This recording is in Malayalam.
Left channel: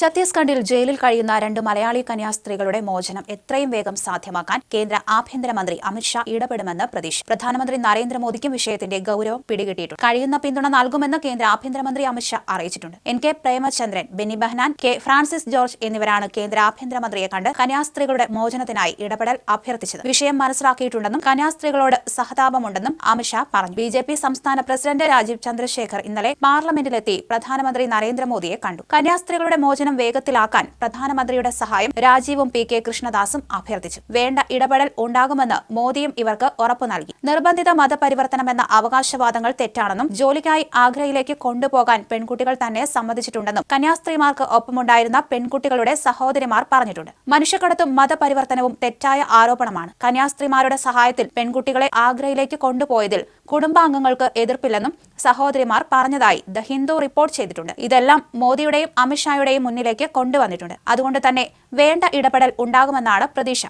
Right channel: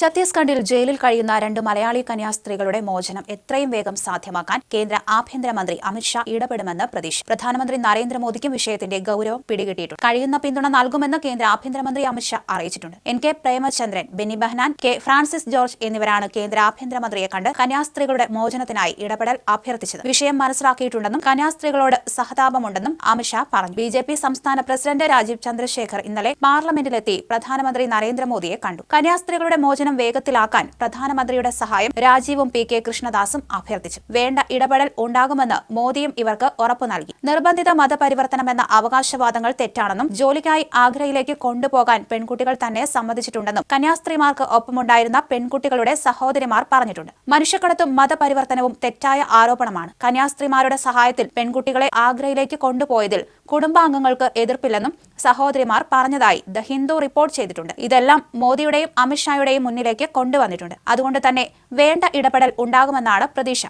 ഛത്തീസ്ഗഡിൽ ജയിലിൽ കഴിയുന്ന 2 മലയാളി കന്യാസ്ത്രീകളുടെ മോചനം എത്രയും വേഗം സാധ്യമാക്കാൻ കേന്ദ്ര ആഭ്യന്തരമന്ത്രി അമിത്ഷാ ഇടപെടുമെന്ന് പ്രതീക്ഷ. പ്രധാനമന്ത്രി നരേന്ദ്രമോദിക്കും വിഷയത്തിന്റെ ഗൌരവം പിടികിട്ടിയിട്ടുണ്ട്. കഴിയുന്ന പിന്തുണ നൽകുമെന്ന് കേന്ദ്ര ആഭ്യന്തരമന്ത്രി അമിത്ഷാ അറിയിച്ചിട്ടുണ്ട്. NK Premachandran, Benny Behanan, K Francis George എന്നിവരാണ് കേന്ദ്ര ആഭ്യന്തരമന്ത്രിയെ കണ്ട് കന്യാസ്ത്രീകളുടെ മോചനത്തിനായി ഇടപെടൽ അഭ്യർത്ഥിച്ചത്. വിഷയം മനസ്സിലാക്കിയിട്ടുണ്ടെന്നും കന്യാസ്ത്രീകളോട് സഹതാപമുണ്ടെന്നും അമിത്ഷാ പറഞ്ഞു. BJP സംസ്ഥാന പ്രസിഡന്റ് രാജീവ് ചന്ദ്രശേഖർ ഇന്നലെ പാർലമെന്റിലെത്തി പ്രധാനമന്ത്രി നരേന്ദ്രമോദിയെ കണ്ടു. കന്യാസ്ത്രീകളുടെ മോചനം വേഗത്തിലാക്കാൻ പ്രധാനമന്ത്രിയുടെ സഹായം രാജീവും PK കൃഷ്ണദാസും അഭ്യർത്ഥിച്ചു. വേണ്ട ഇടപെടൽ ഉണ്ടാകുമെന്ന് മോദിയും ഇവർക്ക് ഉറപ്പു നൽകി. നിർബന്ധിത മതപരിവർത്തനമെന്ന അവകാശവാദങ്ങൾ തെറ്റാണെന്നും ജോലിക്കായി ആഗ്രയിലേക്ക് കൊണ്ടുപോകാൻ പെൺകുട്ടികൾ തന്നെ സമ്മതിച്ചിട്ടുണ്ടെന്നും കന്യാസ്ത്രീമാർക്ക് ഒപ്പമുണ്ടായിരുന്ന പെൺകുട്ടികളുടെ സഹോദരിമാർ പറഞ്ഞിട്ടുണ്ട്. മനുഷ്യക്കടത്തും മതപരിവർത്തനവും തെറ്റായ ആരോപണമാണ്. കന്യാസ്ത്രീമാരുടെ സഹായത്തിൽ പെൺകുട്ടികളെ ആഗ്രയിലേക്ക് കൊണ്ടുപോയതിൽ കുടുംബാംഗങ്ങൾക്ക് എതിർപ്പില്ലെന്നും സഹോദരിമാർ പറഞ്ഞതായി ദ ഹിന്ദു റിപ്പോർട്ട് ചെയ്തിട്ടുണ്ട്. ഇതെല്ലാം മോദിയുടെയും അമിത്ഷായുടെയും മുന്നിലേക്ക് കൊണ്ടുവന്നിട്ടുണ്ട്. അതുകൊണ്ട് തന്നെ വേണ്ട ഇടപെടൽ ഉണ്ടാകുമെന്നാണ് പ്രതീക്ഷ.